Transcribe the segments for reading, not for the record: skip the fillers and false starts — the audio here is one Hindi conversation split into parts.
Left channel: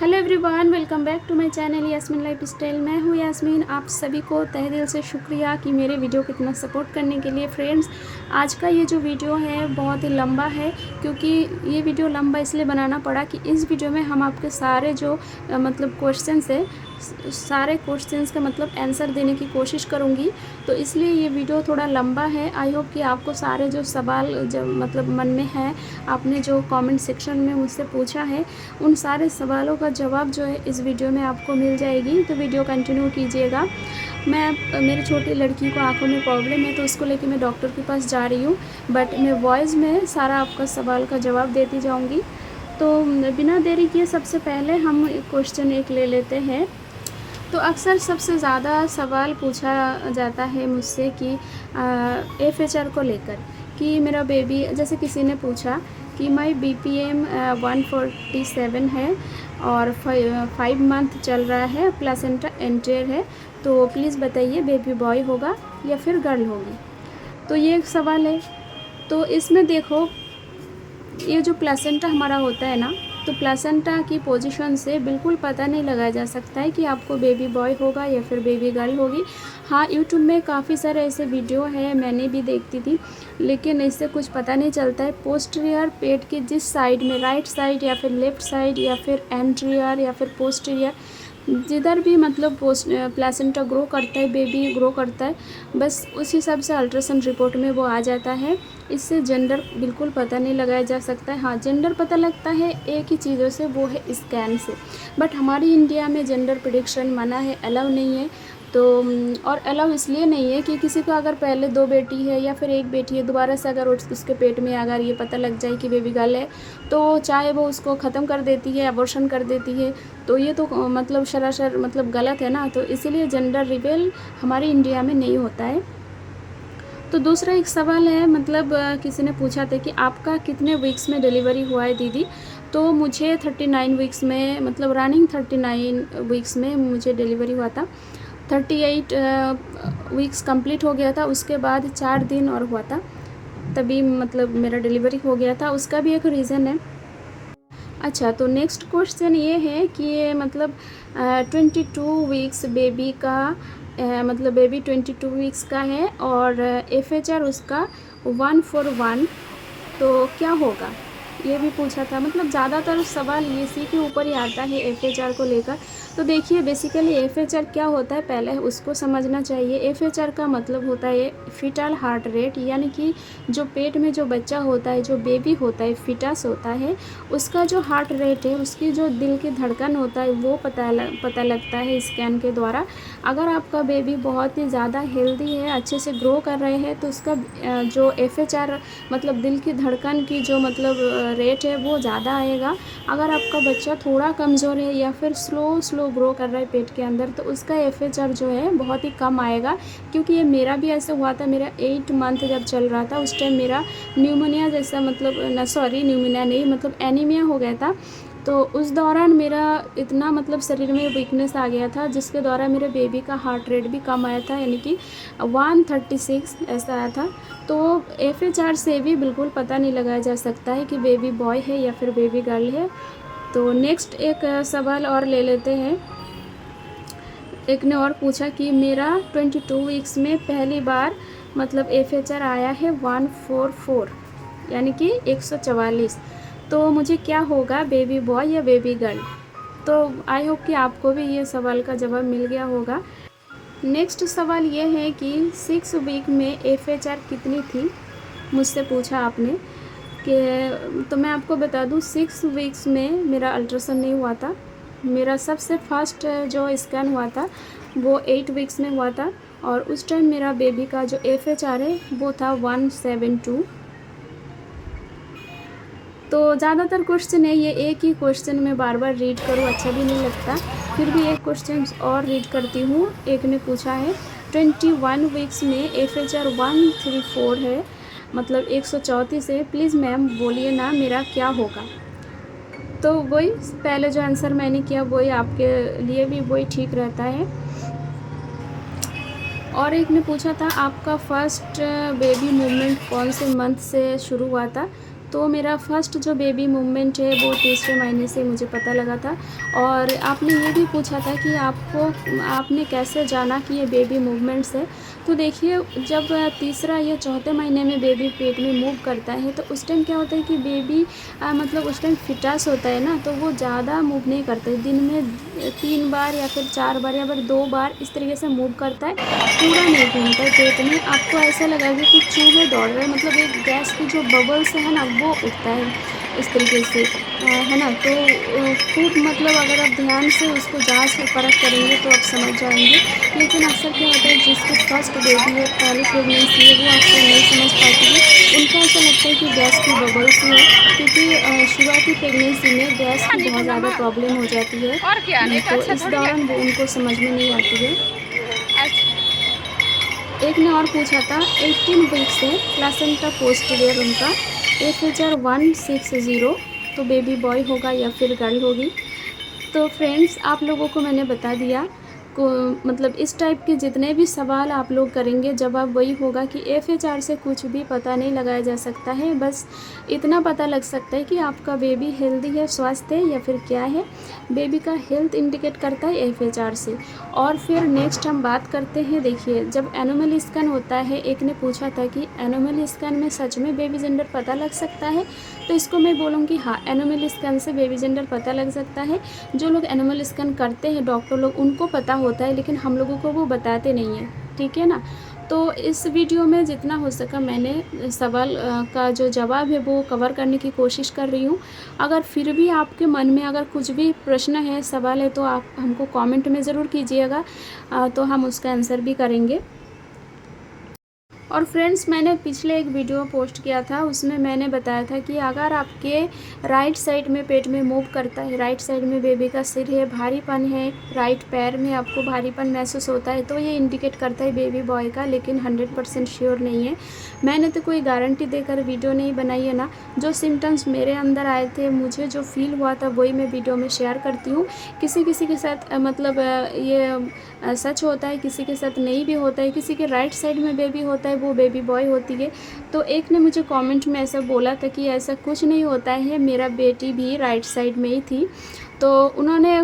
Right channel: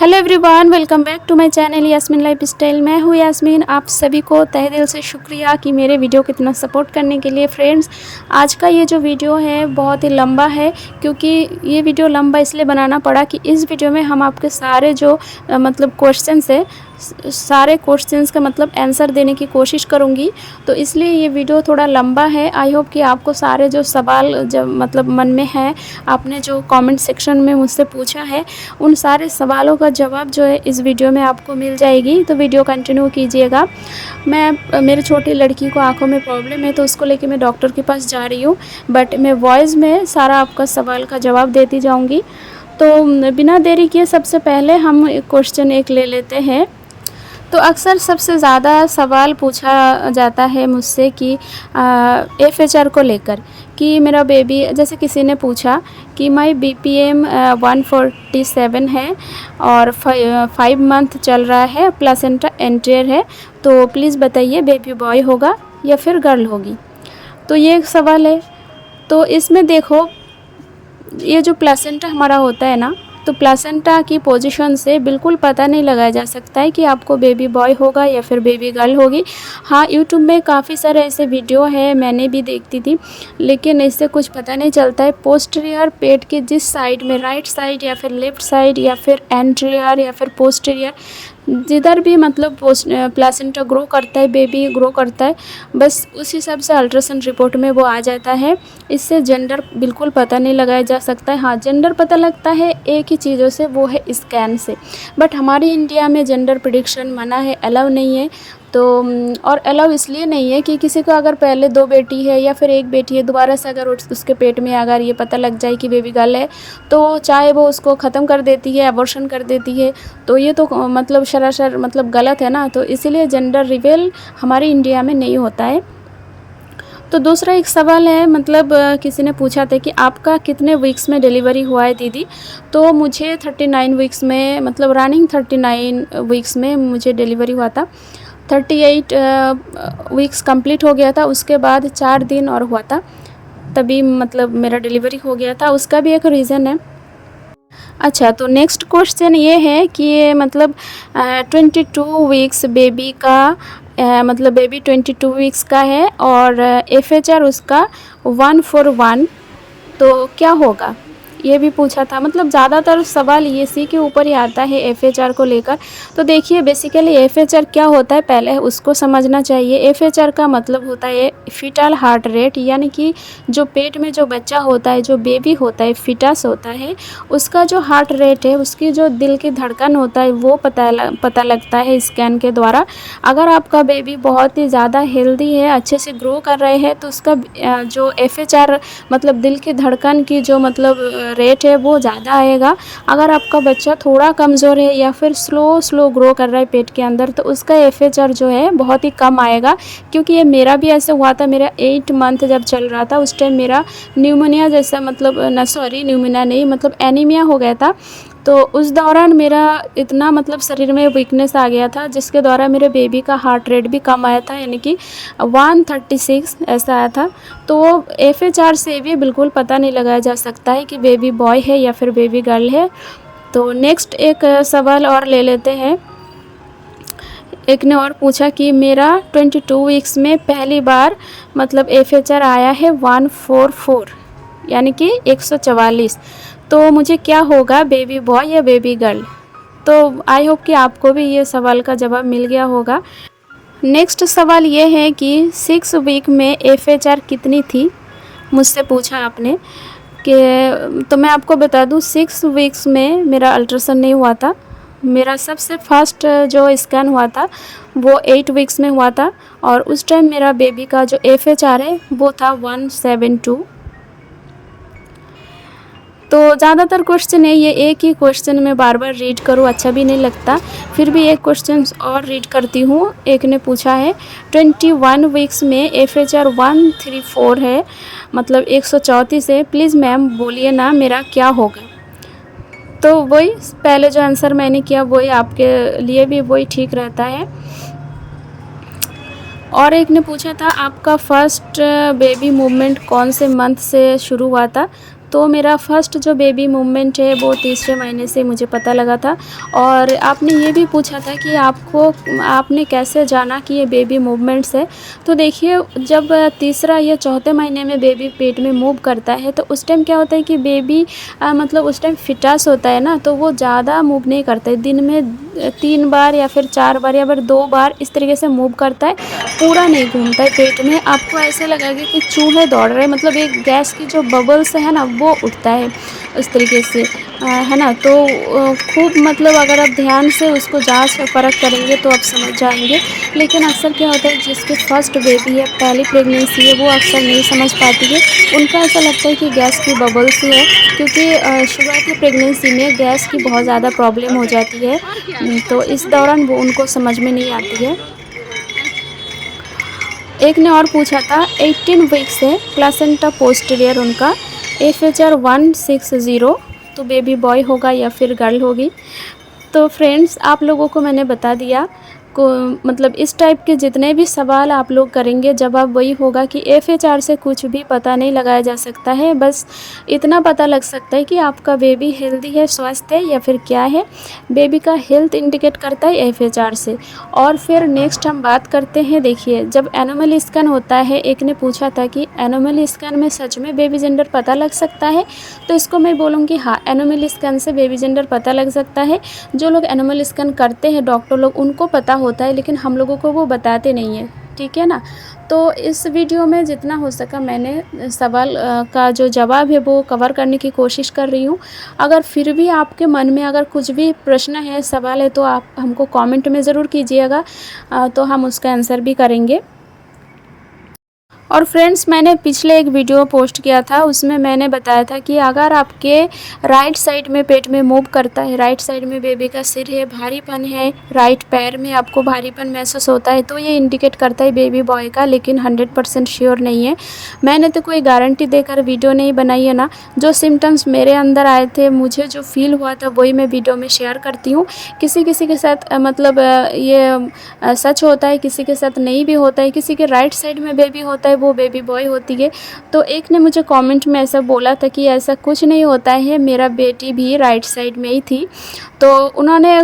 Hello everyone, welcome back to my channel Yasmin lifestyle. मैं हूँ यास्मीन। आप सभी को तहे दिल से शुक्रिया कि मेरे वीडियो को इतना सपोर्ट करने के लिए। फ्रेंड्स, आज का ये जो वीडियो है बहुत ही लंबा है, क्योंकि ये वीडियो लंबा इसलिए बनाना पड़ा कि इस वीडियो में हम आपके सारे जो मतलब क्वेश्चंस है, सारे क्वेश्चंस का मतलब आंसर देने की कोशिश करूँगी। तो इसलिए ये वीडियो थोड़ा लंबा है। आई होप कि आपको सारे जो सवाल जब मतलब मन में है, आपने जो कमेंट सेक्शन में मुझसे पूछा है, उन सारे सवालों का जवाब जो है इस वीडियो में आपको मिल जाएगी। तो वीडियो कंटिन्यू कीजिएगा। मेरी छोटी लड़की को आंखों में प्रॉब्लम है, तो उसको लेके मैं डॉक्टर के पास जा रही हूँ, बट मैं वॉइस में सारा आपका सवाल का जवाब देती जाऊँगी। तो बिना देरी किए सबसे पहले हम क्वेश्चन एक ले लेते हैं। तो अक्सर सबसे ज़्यादा सवाल पूछा जाता है मुझसे कि FHR को लेकर, कि मेरा बेबी, जैसे किसी ने पूछा कि माई BPM 147 है और 5 मंथ चल रहा है, प्लेसेंटा एंटीरियर है, तो प्लीज़ बताइए बेबी बॉय होगा या फिर गर्ल होगी। तो ये एक सवाल है। तो इसमें देखो, ये जो प्लेसेंटा हमारा होता है ना, तो प्लेसेंटा की पोजीशन से बिल्कुल पता नहीं लगाया जा सकता है कि आपको बेबी बॉय होगा या फिर बेबी गर्ल होगी। हाँ, यूट्यूब में काफ़ी सारे ऐसे वीडियो है, मैंने भी देखती थी, लेकिन इससे कुछ पता नहीं चलता है। पोस्टीरियर, पेट के जिस साइड में, राइट साइड या फिर लेफ़्ट साइड या फिर एंटीरियर या फिर पोस्टीरियर, जिधर भी मतलब प्लेसेंटा ग्रो करता है, बेबी ग्रो करता है, बस उस हिसाब से अल्ट्रासाउंड रिपोर्ट में वो आ जाता है। इससे जेंडर बिल्कुल पता नहीं लगाया जा सकता है। हाँ, जेंडर पता लगता है एक ही चीज़ों से, वो है स्कैन से। बट हमारी इंडिया में जेंडर प्रेडिक्शन मना है, अलाउ नहीं है। तो और अलाउ इसलिए नहीं है कि किसी को अगर पहले 2 बेटी है या फिर 1 बेटी है, दोबारा से अगर उसके पेट में अगर ये पता लग जाए कि बेबी गर्ल है, तो चाहे वो उसको ख़त्म कर देती है, अबॉर्शन कर देती है। तो ये तो मतलब सरासर मतलब गलत है ना। तो इसीलिए जेंडर रिवील हमारे इंडिया में नहीं होता है। तो दूसरा एक सवाल है, मतलब किसी ने पूछा था कि आपका कितने वीक्स में डिलीवरी हुआ है दीदी। तो मुझे 39 वीक्स में, मतलब रनिंग 39 वीक्स में मुझे डिलीवरी हुआ था। 38 वीक्स कंप्लीट हो गया था, उसके बाद 4 दिन और हुआ था, तभी मतलब मेरा डिलीवरी हो गया था। उसका भी एक रीज़न है। अच्छा, तो नेक्स्ट क्वेश्चन ये है कि मतलब 22 वीक्स बेबी का, मतलब बेबी 22 वीक्स का है और FHR उसका 141, तो क्या होगा, ये भी पूछा था। मतलब ज़्यादातर सवाल ये इसी के ऊपर ही आता है, FHR को लेकर। तो देखिए, बेसिकली FHR क्या होता है पहले उसको समझना चाहिए। FHR का मतलब होता है फीटल हार्ट रेट, यानी कि जो पेट में जो बच्चा होता है, जो बेबी होता है, फीटस होता है, उसका जो हार्ट रेट है, उसकी जो दिल की धड़कन होता है, वो पता लगता है स्कैन के द्वारा। अगर आपका बेबी बहुत ही ज़्यादा हेल्दी है, अच्छे से ग्रो कर रहे हैं, तो उसका जो FHR मतलब दिल की धड़कन की जो मतलब रेट है वो ज़्यादा आएगा। अगर आपका बच्चा थोड़ा कमज़ोर है या फिर स्लो ग्रो कर रहा है पेट के अंदर, तो उसका FHR जो है बहुत ही कम आएगा। क्योंकि ये मेरा भी ऐसे हुआ था। मेरा 8 मंथ जब चल रहा था, उस टाइम मेरा न्यूमोनिया जैसा, मतलब न्यूमोनिया नहीं, मतलब एनीमिया हो गया था। तो उस दौरान मेरा इतना मतलब शरीर में वीकनेस आ गया था, जिसके द्वारा मेरे बेबी का हार्ट रेट भी कम आया था, यानी कि 136 ऐसा आया था। तो FHR से भी बिल्कुल पता नहीं लगाया जा सकता है कि बेबी बॉय है या फिर बेबी गर्ल है। तो नेक्स्ट एक सवाल और ले लेते हैं। एक ने और पूछा कि मेरा 22 वीक्स में पहली बार मतलब FHR आया है 144, यानी कि 144, तो मुझे क्या होगा, बेबी बॉय या बेबी गर्ल। तो आई होप कि आपको भी ये सवाल का जवाब मिल गया होगा। नेक्स्ट सवाल ये है कि 6 वीक में FHR कितनी थी, मुझसे पूछा आपने। कि तो मैं आपको बता दूं, 6 वीक्स में मेरा अल्ट्रासाउंड नहीं हुआ था। मेरा सबसे फर्स्ट जो स्कैन हुआ था वो 8 वीक्स में हुआ था, और उस टाइम मेरा बेबी का जो FHR है वो था 172। तो ज़्यादातर क्वेश्चन है ये, एक ही क्वेश्चन में बार बार रीड करूँ अच्छा भी नहीं लगता। फिर भी एक क्वेश्चन और रीड करती हूँ। एक ने पूछा है 21 वीक्स में FHR 134 है, मतलब 134 है, प्लीज़ मैम बोलिए ना मेरा क्या होगा। तो वही पहले जो आंसर मैंने किया वही आपके लिए भी वही ठीक रहता है। और एक ने पूछा था आपका फर्स्ट बेबी मूवमेंट कौन से मंथ से शुरू हुआ था। तो मेरा फर्स्ट जो बेबी मूवमेंट है वो तीसरे महीने से मुझे पता लगा था। और आपने ये भी पूछा था कि आपने कैसे जाना कि ये बेबी मूवमेंट्स है। तो देखिए, जब तीसरा या चौथे महीने में बेबी पेट में मूव करता है तो उस टाइम क्या होता है कि बेबी मतलब उस टाइम फिटस होता है ना, तो वो ज़्यादा मूव नहीं करता है। दिन में 3 बार या फिर 4 बार या फिर 2 बार इस तरीके से मूव करता है, पूरा नहीं घूमता है पेट में। आपको ऐसा लगेगा कि चूहे दौड़ रहे हैं, मतलब एक गैस की जो बबल्स है ना वो उठता है इस तरीके से, है ना। तो खूब मतलब अगर आप ध्यान से उसको जांच और परख करेंगे तो आप समझ जाएंगे। लेकिन अक्सर क्या होता है, जिसके फर्स्ट बेबी है, पहली प्रेगनेंसी है, वो अक्सर नहीं समझ पाती है। उनको ऐसा लगता है कि गैस की बबल्स ही है, क्योंकि शुरुआती प्रेगनेंसी में गैस की बहुत ज़्यादा प्रॉब्लम हो जाती है। तो इस दौरान वो उनको समझ में नहीं आती है। एक ने और पूछा था 18 वीक्स है, प्लासेंटा पोस्टीरियर उनका, FHR 160, तो बेबी बॉय होगा या फिर गर्ल होगी। तो फ्रेंड्स, आप लोगों को मैंने बता दिया को, मतलब इस टाइप के जितने भी सवाल आप लोग करेंगे, जवाब वही होगा कि FHR से कुछ भी पता नहीं लगाया जा सकता है। बस इतना पता लग सकता है कि आपका बेबी हेल्दी है, स्वस्थ है या फिर क्या है। बेबी का हेल्थ इंडिकेट करता है FHR से। और फिर नेक्स्ट हम बात करते हैं, देखिए जब एनिमल स्कैन होता है, एक ने पूछा था कि एनिमल स्कैन में सच में बेबी जेंडर पता लग सकता है। तो इसको मैं बोलूँगी हाँ, एनिमल स्कैन से बेबी जेंडर पता लग सकता है। जो लोग एनिमल स्कैन करते हैं, डॉक्टर लोग, उनको पता होता है, लेकिन हम लोगों को वो बताते नहीं हैं, ठीक है ना। तो इस वीडियो में जितना हो सका मैंने सवाल का जो जवाब है वो कवर करने की कोशिश कर रही हूँ। अगर फिर भी आपके मन में अगर कुछ भी प्रश्न है, सवाल है, तो आप हमको कमेंट में ज़रूर कीजिएगा, तो हम उसका आंसर भी करेंगे। और फ्रेंड्स, मैंने पिछले एक वीडियो पोस्ट किया था, उसमें मैंने बताया था कि अगर आपके राइट साइड में पेट में मूव करता है, राइट साइड में बेबी का सिर है, भारीपन है, राइट पैर में आपको भारीपन महसूस होता है, तो ये इंडिकेट करता है बेबी बॉय का, लेकिन 100% श्योर नहीं है। मैंने तो कोई गारंटी देकर वीडियो नहीं बनाई है ना। जो सिम्टम्स मेरे अंदर आए थे, मुझे जो फील हुआ था, वही मैं वीडियो में शेयर करती हूँ। किसी किसी के साथ मतलब ये सच होता है, किसी के साथ नहीं भी होता है। किसी के राइट साइड में बेबी होता है, वो बेबी बॉय होती है। तो एक ने मुझे कमेंट में ऐसा बोला था कि ऐसा कुछ नहीं होता है, मेरा बेटी भी राइट साइड में ही थी। तो उन्होंने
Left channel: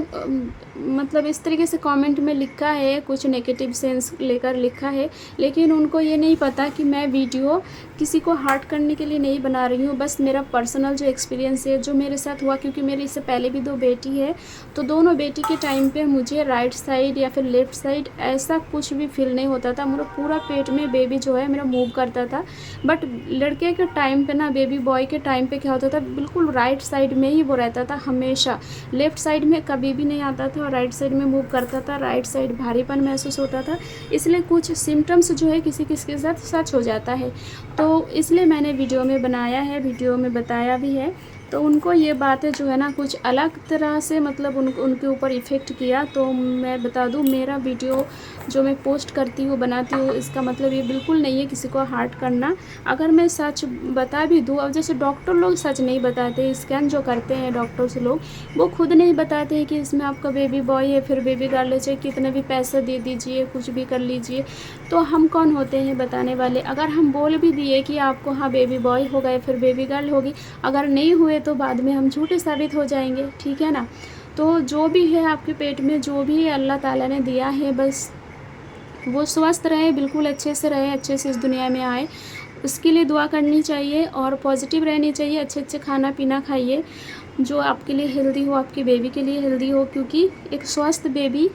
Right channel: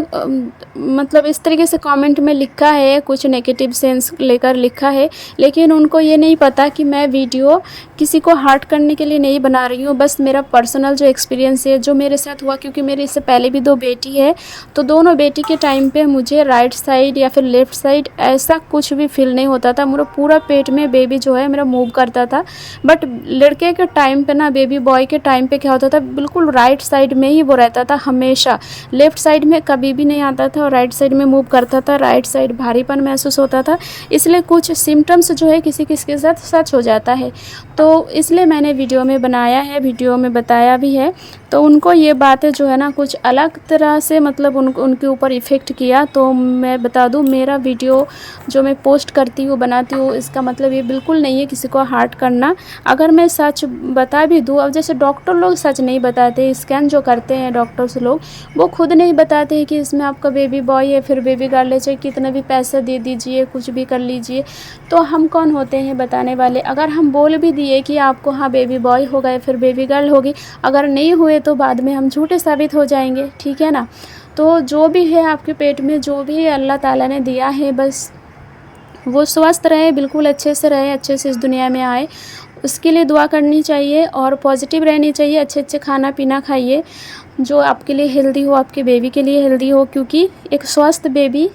मतलब इस तरीके से कमेंट में लिखा है, कुछ नेगेटिव सेंस लेकर लिखा है, लेकिन उनको ये नहीं पता कि मैं वीडियो किसी को हर्ट करने के लिए नहीं बना रही हूँ। बस मेरा पर्सनल जो एक्सपीरियंस है, जो मेरे साथ हुआ, क्योंकि मेरे इससे पहले भी 2 बेटी है, तो दोनों बेटी के टाइम पे मुझे राइट साइड या फिर लेफ़्ट साइड ऐसा कुछ भी फील नहीं होता था। मेरा पूरा पेट में बेबी जो है मेरा मूव करता था। बट लड़के के टाइम पे ना, बेबी बॉय के टाइम पे क्या होता था, बिल्कुल राइट साइड में ही वो रहता था हमेशा। लेफ़्ट साइड में कभी भी नहीं आता था और राइट साइड में मूव करता था। राइट साइड भारीपन महसूस होता था। इसलिए कुछ सिम्टम्स जो है किसी किसी के साथ सच हो जाता है, तो इसलिए मैंने वीडियो में बनाया है, वीडियो में बताया भी है। तो उनको ये बातें जो है ना कुछ अलग तरह से मतलब उनके ऊपर इफ़ेक्ट किया। तो मैं बता दूं, मेरा वीडियो जो मैं पोस्ट करती हूँ, बनाती हूँ, इसका मतलब ये बिल्कुल नहीं है किसी को हर्ट करना। अगर मैं सच बता भी दूँ, अब जैसे डॉक्टर लोग सच नहीं बताते, स्कैन जो करते हैं डॉक्टर्स लोग, वो खुद नहीं बताते हैं कि इसमें आपका बेबी बॉय है फिर बेबी गर्ल है, चाहे कितना भी पैसा दे दीजिए, कुछ भी कर लीजिए। तो हम कौन होते हैं बताने वाले। अगर हम बोल भी दिए कि आपको हाँ बेबी बॉय होगा या फिर बेबी गर्ल होगी, अगर नहीं हुए तो बाद में हम झूठे साबित हो जाएंगे, ठीक है ना। तो जो भी है आपके पेट में, जो भी अल्लाह ताला ने दिया है, बस वो स्वस्थ रहे, बिल्कुल अच्छे से रहे, अच्छे से इस दुनिया में आए, उसके लिए दुआ करनी चाहिए और पॉजिटिव रहनी चाहिए। अच्छे अच्छे खाना पीना खाइए जो आपके लिए हेल्दी हो, आपके बेबी के लिए हेल्दी हो, क्योंकि एक स्वस्थ बेबी,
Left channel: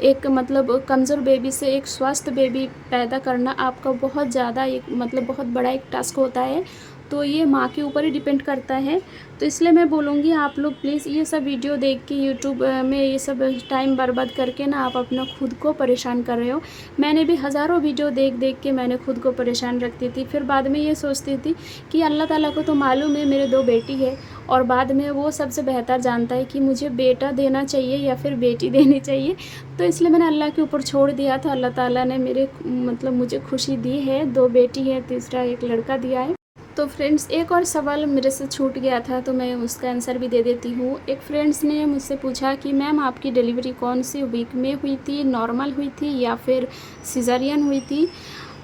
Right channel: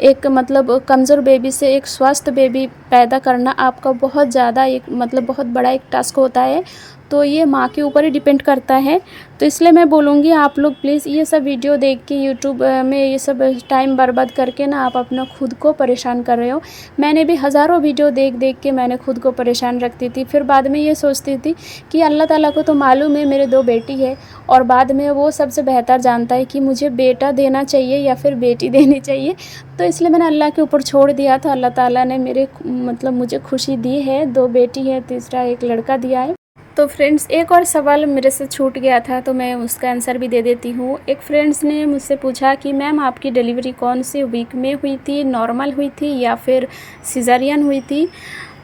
एक मतलब कमज़ोर बेबी से एक स्वस्थ बेबी पैदा करना आपका बहुत ज़्यादा एक मतलब बहुत बड़ा एक टास्क होता है। तो ये माँ के ऊपर ही डिपेंड करता है। तो इसलिए मैं बोलूँगी आप लोग प्लीज़ ये सब वीडियो देख के यूट्यूब में ये सब टाइम बर्बाद करके ना आप अपना खुद को परेशान कर रहे हो। मैंने भी हज़ारों वीडियो देख देख के मैंने खुद को परेशान रखती थी। फिर बाद में ये सोचती थी कि अल्लाह ताला को तो मालूम है मेरे 2 बेटी है, और बाद में वो सबसे बेहतर जानता है कि मुझे बेटा देना चाहिए या फिर बेटी देनी चाहिए। तो इसलिए मैंने अल्लाह के ऊपर छोड़ दिया था। अल्लाह ताला ने मेरे मतलब मुझे खुशी दी है, 2 बेटी है, तीसरा एक लड़का दिया है। तो फ्रेंड्स, एक और सवाल मेरे से छूट गया था, तो मैं उसका आंसर भी दे देती हूँ। एक फ्रेंड्स ने मुझसे पूछा कि मैम आपकी डिलीवरी कौन से वीक में हुई थी, नॉर्मल हुई थी या फिर सिज़ेरियन हुई थी।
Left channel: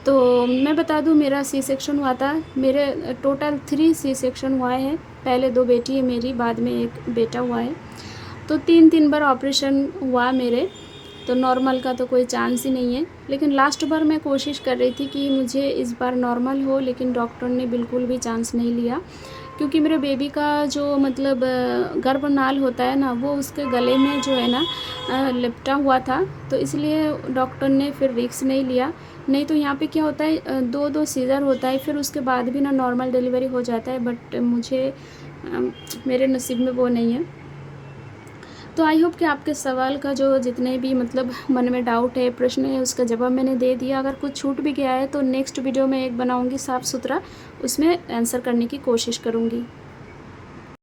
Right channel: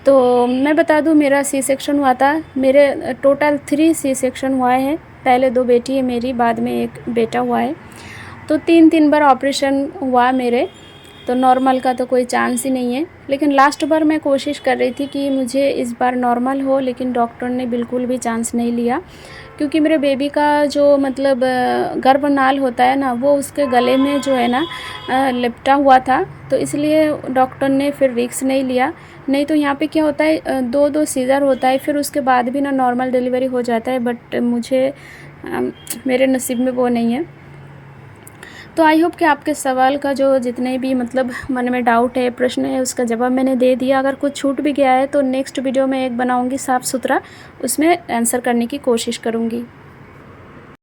तो मैं बता दूँ, मेरा सी सेक्शन हुआ था। मेरे टोटल 3 सी सेक्शन हुआ है। पहले 2 बेटी है मेरी, बाद में 1 बेटा हुआ है। तो 3-3 बार ऑपरेशन हुआ मेरे। तो नॉर्मल का तो कोई चांस ही नहीं है। लेकिन लास्ट बार मैं कोशिश कर रही थी कि मुझे इस बार नॉर्मल हो, लेकिन डॉक्टर ने बिल्कुल भी चांस नहीं लिया, क्योंकि मेरे बेबी का जो मतलब गर्भनाल होता है ना, वो उसके गले में जो है ना लिपटा हुआ था। तो इसलिए डॉक्टर ने फिर रिस्क नहीं लिया। नहीं तो यहाँ पे क्या होता है, 2-2 सीज़र होता है, फिर उसके बाद भी ना नॉर्मल डिलीवरी हो जाता है। बट मुझे मेरे नसीब में वो नहीं है। तो आई होप कि आपके सवाल का जो जितने भी मतलब मन में डाउट है, प्रश्न है, उसका जवाब मैंने दे दिया। अगर कुछ छूट भी गया है तो नेक्स्ट वीडियो में एक बनाऊंगी साफ़ सुथरा, उसमें आंसर करने की कोशिश करूंगी।